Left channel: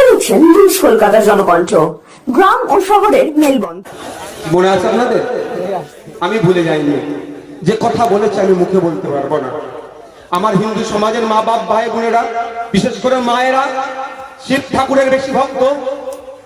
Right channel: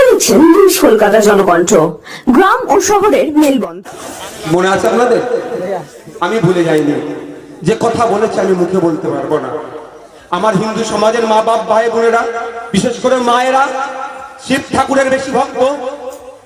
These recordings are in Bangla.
দেখছেন মনে আছে আপনাদের? আমি ভুলে যাইনি। যে কথা বলেছে আমি মুখে বলতে পারব না। আমার হিন্দু সমাজের মা বাপ ভাই বোনেরা বিশেষ করে মায়েরা, শিব ঠাকুরের বেশি ভক্ত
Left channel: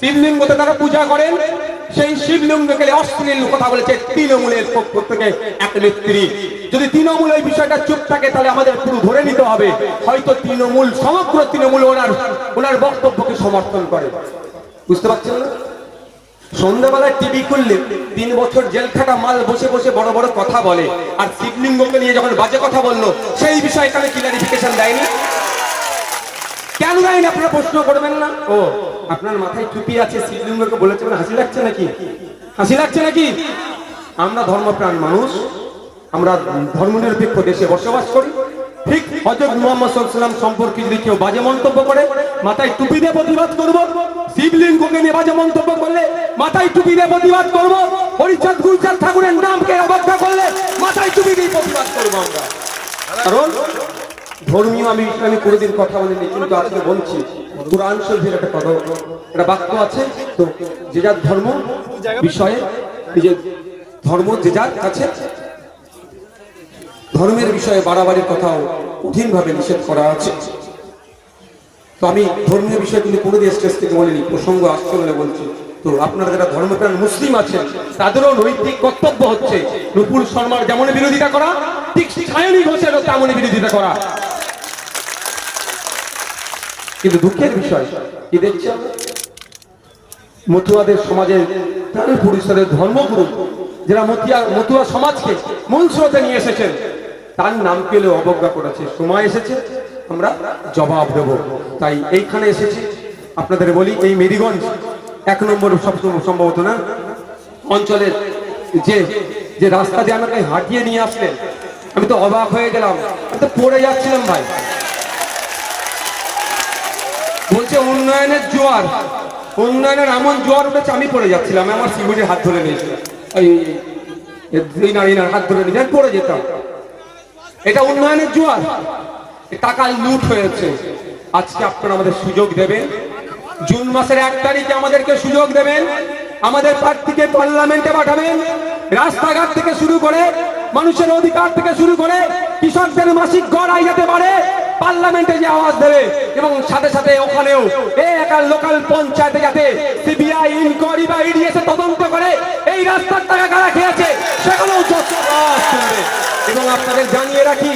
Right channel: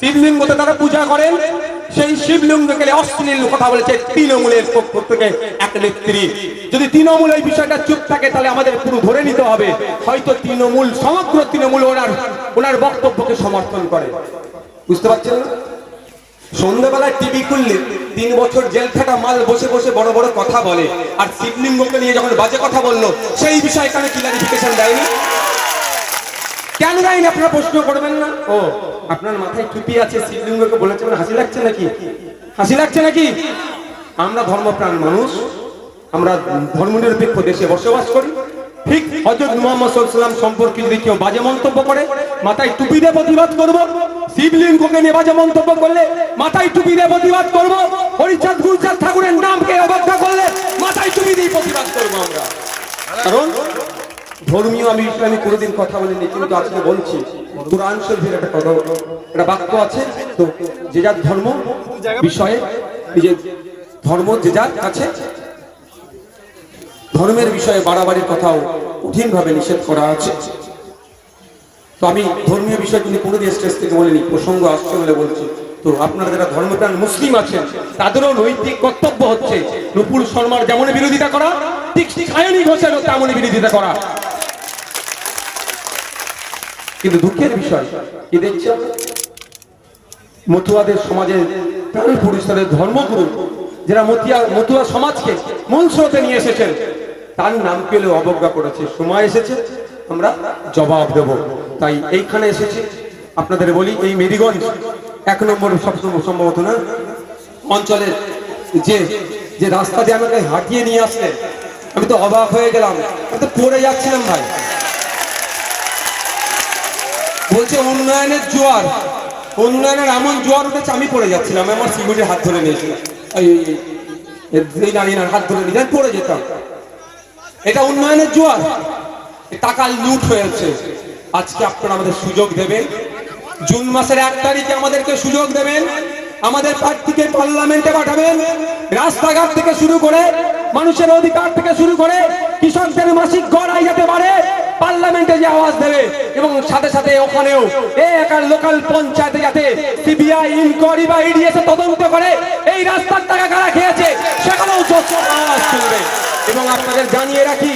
শিবলিঙ্গতে তারা পূজা করেন। সেই শিবলিঙ্গকে অশ্লীল কথা বলেছে তৃণমূলের পক্ষ থেকে এক নেত্রী। যদি তৃণমূল এই বিষয়টা চুপ থাকে, তাহলে আমাদের পুরো ধরে নিতে হবে। হয়তো তৃণমূল, সমগ্র তৃণমূল ওনার ওনার বক্তব্যকে সমর্থন করে। বুঝতে পারছেন না? সন্ধ্যাবেলা টিভি খুললে তিন বছর জেল থাকা মাল বসে বসে বড় বড় কথা বলে। আর শিবলিঙ্গকে নিয়ে যখন বাজে কথা বলল, সেই বিষয়ে কেন ক্লারিফিকেশন দেয়নি? কেন দেয়নি আপনারা প্রশ্ন করবেন না? ও, আপনার মাথায় টুপি আছে শিবলিঙ্গকে বলেছেন, হাসি লাগছে নাকি? হাসি লাগছে নাকি? আমরা ধর্মপ্রাণ মানুষ, আমরা ধর্মনিরপেক্ষ দেশে বসবাস করি। ঠিক হজরত মুহাম্মদ সাল্লাম সম্পর্কে যদি কেউ বাজে মন্তব্য করে, মাথায় টুপি দিয়ে প্রতিবাদ করব। শিবলিঙ্গকে নিয়ে বাজে মন্তব্য করলে মাথায় টুপি দিয়ে প্রতিবাদ করব। হরিচাঁদ গুলচাঁদ ঠাকুরের নামকে অবজ্ঞা করলে মাথায় টুপি দিয়ে প্রতিবাদ করব আমরা। কারণ ধর্মীয় আমি ইসলামী কোনোদিন কথা বলিনি, কিন্তু আজকে বলছি, কোরআন শরীফের একটা কথা একটা বাক্য আছে, তো যে যার ধর্ম বিষয়ে নিজের ধর্ম যে যার কাছে, ধর্মের বিষয়ে বাড়াবাড়ির কথাও কঠিনভাবে নিষেধ করা আছে। তো আমি ধর্মীয় বিষয় কিন্তু কোনোদিন স্টেজ থেকে বলিনি, প্রসঙ্গ আসছে বলে বলছি। তো আপনারা যারা ধর্মপ্রাণ মুসলিম আছেন, তাদেরও নৈতিক কর্তব্য হচ্ছে নুপুর শর্মার যেমন বিরোধিতা করা, ঠিক সায়নী ঘোষেরও তেমনই বিরোধিতা করা। কিন্তু দুঃখের বিষয় কি দেখছেন? মতুয়াদের সমাজের প্রাণ পুরুষদের ধর্মগুরু যারা মতিয়া মতুয়া সমাজকে মূল স্রোতে নিয়ে এসেছেন, তার নাম পেলেও অবজ্ঞা করেছে। সময় এসেছে, আমরা জবাব দেব। তাই এইখানে এসেছি। আপনাদের বলি, এই মেরিগঞ্জ এক নম্বর সবসময় সম্ভবত না? অঞ্চলের যে যে রাস্তা দিয়ে আমাকে হাঁটিয়ে নিয়ে আসলেন, আমি তো অবাক হয়ে গেলাম। আমি তো পড়ে যাচ্ছিলাম ভাই। বলছে উন্নয়নের জোয়ার। উন্নয়নের এমন জোয়ার উঠেছে, আমি পড়ে যাচ্ছিলাম আমার সিকিউরিটির হাত ধরে নিয়েছিল এই এই হাত ধরে নিয়ে পড়ে যেতাম। এটা উন্নয়নের জোয়ার। টাকা লুট হয়েছে। আজকে আপনারা আমাদের সুযোগ দেবেন। জুন মাসের এক তারিখে আমাদেরকে সুযোগ দেবেন। আমাদের প্রার্থীকে পার্লামেন্টে পাঠাবেন। রাস্তাঘাট থেকে শুরু করে, মানুষের অধিকার থেকে শুরু করে, কৃষকদের মাসিক গড় আই যেতে পারে পার্লামেন্টে যে আওয়াজ দেবে এবং সাথে সাথে ওখানেও এই একার লোকাল পঞ্চায়েতে যাতে সিবিআই ইনকোয়ারি বা ইডি এসে তদন্ত করে, এই রাস্তার টাকা কারা খেয়েছে আওয়াজ শুনবে। এবং আপনাদের জানিয়ে রাখি,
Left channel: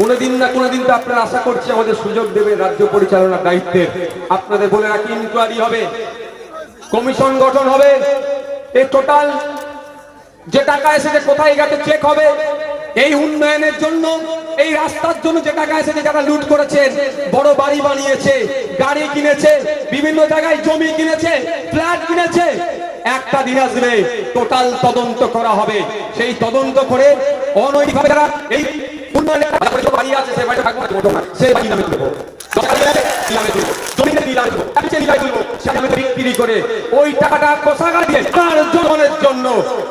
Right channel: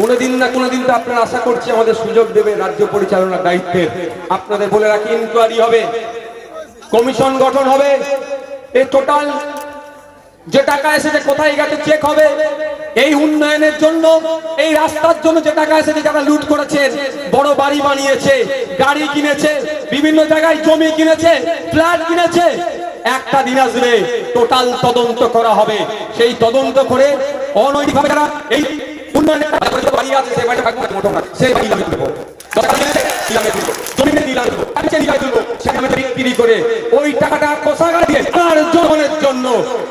কোনোদিন না কোনোদিন তো আপনারা আশা করছি আমাদের সুযোগ দেবে রাজ্য পরিচালনার দায়িত্বের আপনাদের বলে রাখি ইনকোয়ারি হবে, কমিশন গঠন হবে এই টোটাল যে টাকা এসেছে কোথায় গেছে চেক হবে এই উন্নয়নের জন্য এই রাস্তার জন্য যে টাকা এসেছে যারা লুট করেছেন বড় বাড়ি বানিয়েছে গাড়ি কিনেছে বিভিন্ন জায়গায় জমি কিনেছে ফ্ল্যাট কিনেছে একটা দিন আসবে টোটাল তদন্ত করা হবে। সেই তদন্ত করে অনৈতিকভাবে যারা এই উন্নয়নের বাড়ি আছে সেই দেবো, সেই বাড়ি বিক্রি করে ওই টাকাটা কোষাগার দিয়ে তার জনগণের জন্য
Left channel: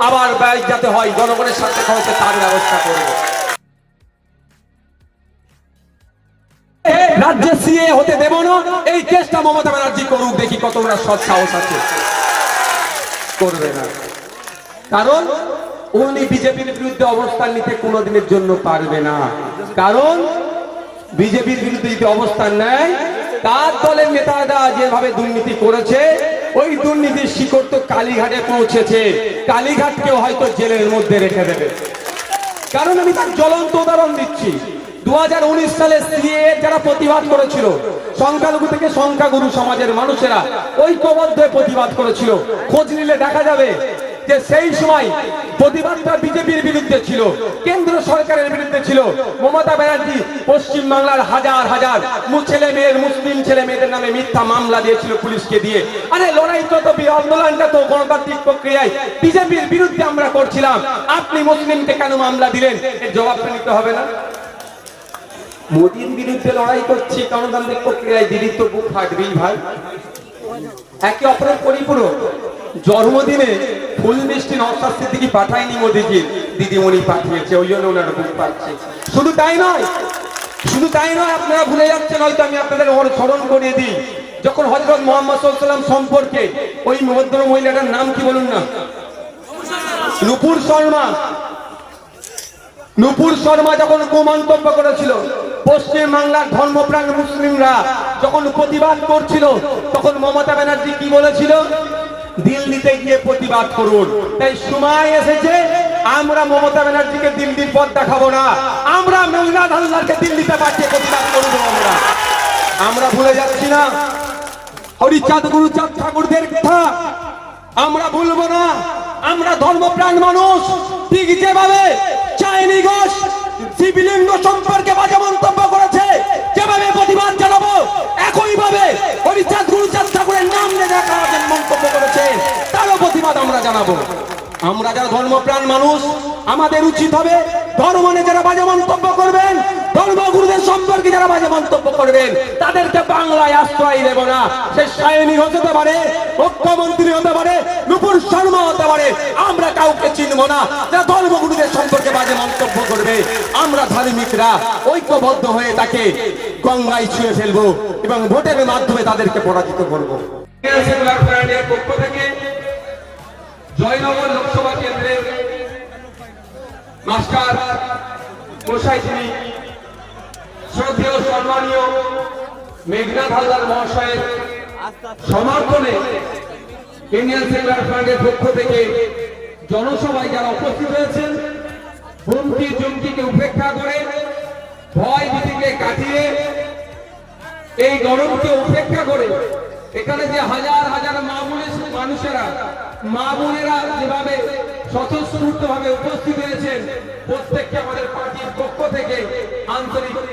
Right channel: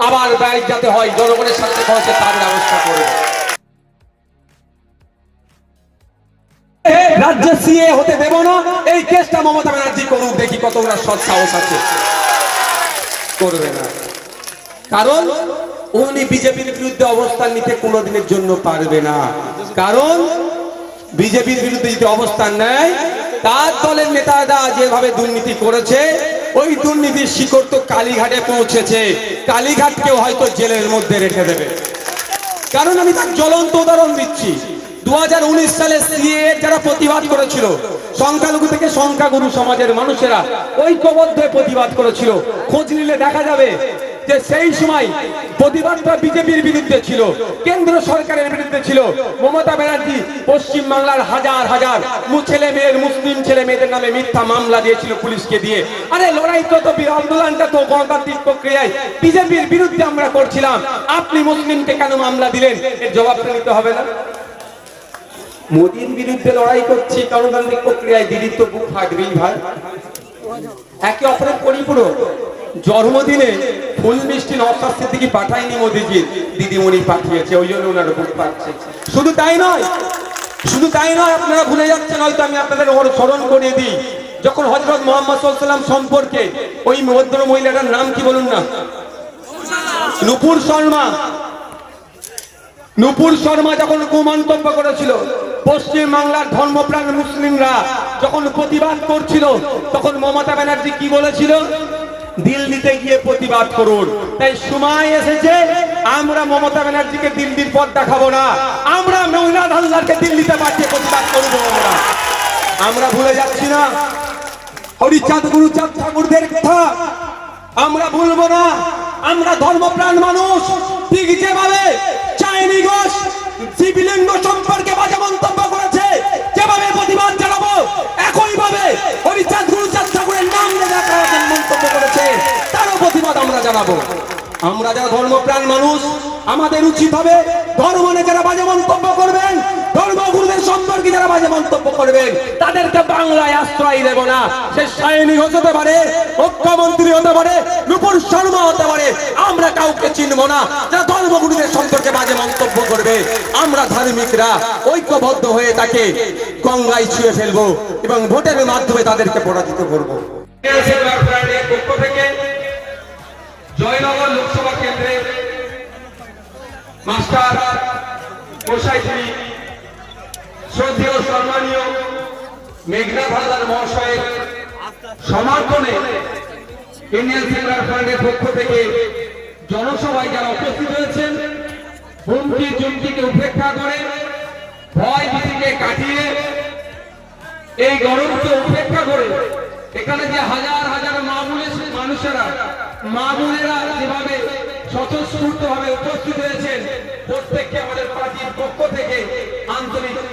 আবার ব্যয় যাতে হয়, জনগণের সাথে খরচে তার ব্যবস্থা করবে রাজ্যে সিএ হতে দেব না, এই কেসটা মমতা ব্যানার্জি করুক, দেখি কত ওনার সৎ সাহস আছে। করবে না। কারণ উনি বিজেপির বিরুদ্ধে অবস্থান নিতে কোনোদিনের জন্য পারবে না। কারণ বিজেপির বিরুদ্ধে যদি অবস্থান নেয় তার দলের নেতারা যেভাবে দুর্নীতি করেছে, ওই দুর্নীতির শিকড় তো কালীঘাটে পৌঁছেছে। কালীঘাটকেও হয়তো জেলের মধ্যে রেখে দেবে। কারণ আমি তার জ্বলন্ত উদাহরণ দিচ্ছি। দু হাজার উনিশ সালে সিএ যারা প্রতিবাদ করেছিল, সংখ্যালঘু থেকে সংখ্যাগুরু সমাজের মানুষেরা ঐক্যবদ্ধ প্রতিবাদ করেছিল। খোঁজ নিলে দেখা যাবে যে সেই সময় প্রতিবাদটা বিজেপির বিরুদ্ধে ছিল, কেন্দ্র সরকারের বিরুদ্ধে ছিল। মমতা ব্যানার্জি পশ্চিম বাংলার হাজার হাজার ছেলে মেয়ের, মুসলিম ছেলে মেয়েদের নামে মিথ্যা মামলা দিয়েছিল পুলিশকে দিয়ে। আরে লড়াই তো আন্দোলনটা তো গণতান্ত্রিক প্রক্রিয়ায়। বিজেপির বিরুদ্ধে আমরা করছিলাম। আপনি মুসলিমকে কেন মামলা দিলেন? এর জবাবটা নিতে হবে না। মোদীর বিরুদ্ধে লড়াই করছি গণতান্ত্রিক প্রক্রিয়ায় দিদির তো বুক ফাটবেই ভাই। একে অপরের পরিপূরক। জন্মদিনে ফুল মিষ্টি নওশাদ সিদ্দিকি পাঠায়নি মোদিজি, দিদিমণি পাঠিয়েছে, ওই জন্য ওনার বুক পাচ্ছে। শুধু তাই নয়, শুধু তাই নয়, আপনারা ভুলে যাচ্ছেন, হয়তো আমি আপনাদের স্মরণ করে দিই। যখন হজরত মোহাম্মদ সাল্লাম সম্পর্কে ওই ভদ্র মহিলাটার নাম কি বলুন না? নুপুর শর্মা। নুপুর শর্মা যখন কুমন্তব্য করেছিল, পশ্চিম বাংলার ধর্মপ্রাণ মুসলিমরা যখন প্রতিবাদ করছিল, তখন মমতা ব্যানার্জি কি বলেছিল? দিল্লিতে গিয়ে প্রতিবাদ করুন। তাই সময় এসেছে, আমরা মমতা ব্যানার্জিকে দিল্লির পথ দেখাবো না। আমরা মৌলাদ হালদারকে দিল্লিতে পাঠিয়ে প্রতিবাদ করব আমরা আমরা ভুলে যাচ্ছি না। হরিচাঁদ গুরুচাঁদ ঠাকুরদের কথা। আমরা ভুলবো না। আমরা ধর্মপ্রাণ মানুষ। ঠিক যেভাবে শিবলিঙ্গ সম্পর্কে বাজে মন্তব্য জানাব। আমরা যারা ধর্মপ্রাণ মানুষ, আমাদের উচিত হবে ধর্ম নিয়ে যারা বাজে মন্তব্য করবেন ধর্মগুরুদের সম্পর্কে যারা বাজে মন্তব্য করবেন, তাদেরকে বাংলায় আশ্রয় দেব না। সে সায়নী হতে পারে, মুখ্যমন্ত্রী হতে পারে, নুপুর শর্মা হতে পারে, আমরা কাউকে চিনব না। যারা ধর্মগুরুদের সম্পর্কে বাজে মন্তব্য করবে, আমরা ধার্মিকরা, ঐক্যবদ্ধ হয়ে তাকে গঙ্গায় ছুঁয়ে ফেলব এবং ভোটের মাধ্যমে তাদেরকে পরাজিত করব। পক্ষ জয়নগর লোকসভা কেন্দ্রে মাস্টার মশাই তিনি শ্রদ্ধেয়, সম্মানীয় মেঘনাথ হালদার মহাশয়ের সমর্থনে ইন্ডিয়ান সেকুলার ফ্রন্টের পক্ষ থেকে জনসভায় যারা উপস্থিত হয়েছেন, হুমকি চুমকিকে উপেক্ষা করে, ভয় ভীতিকে কাটিয়ে এই গরমকে উপেক্ষা করে এখানে যে হাজার হাজার মা বোনের মানুষেরা মা বোনেরা যেভাবে স্বতঃস্ফূর্ত ভাবে উপস্থিত হয়েছেন প্রত্যেককে আমাদের পার্টির পক্ষ থেকে আন্তরিক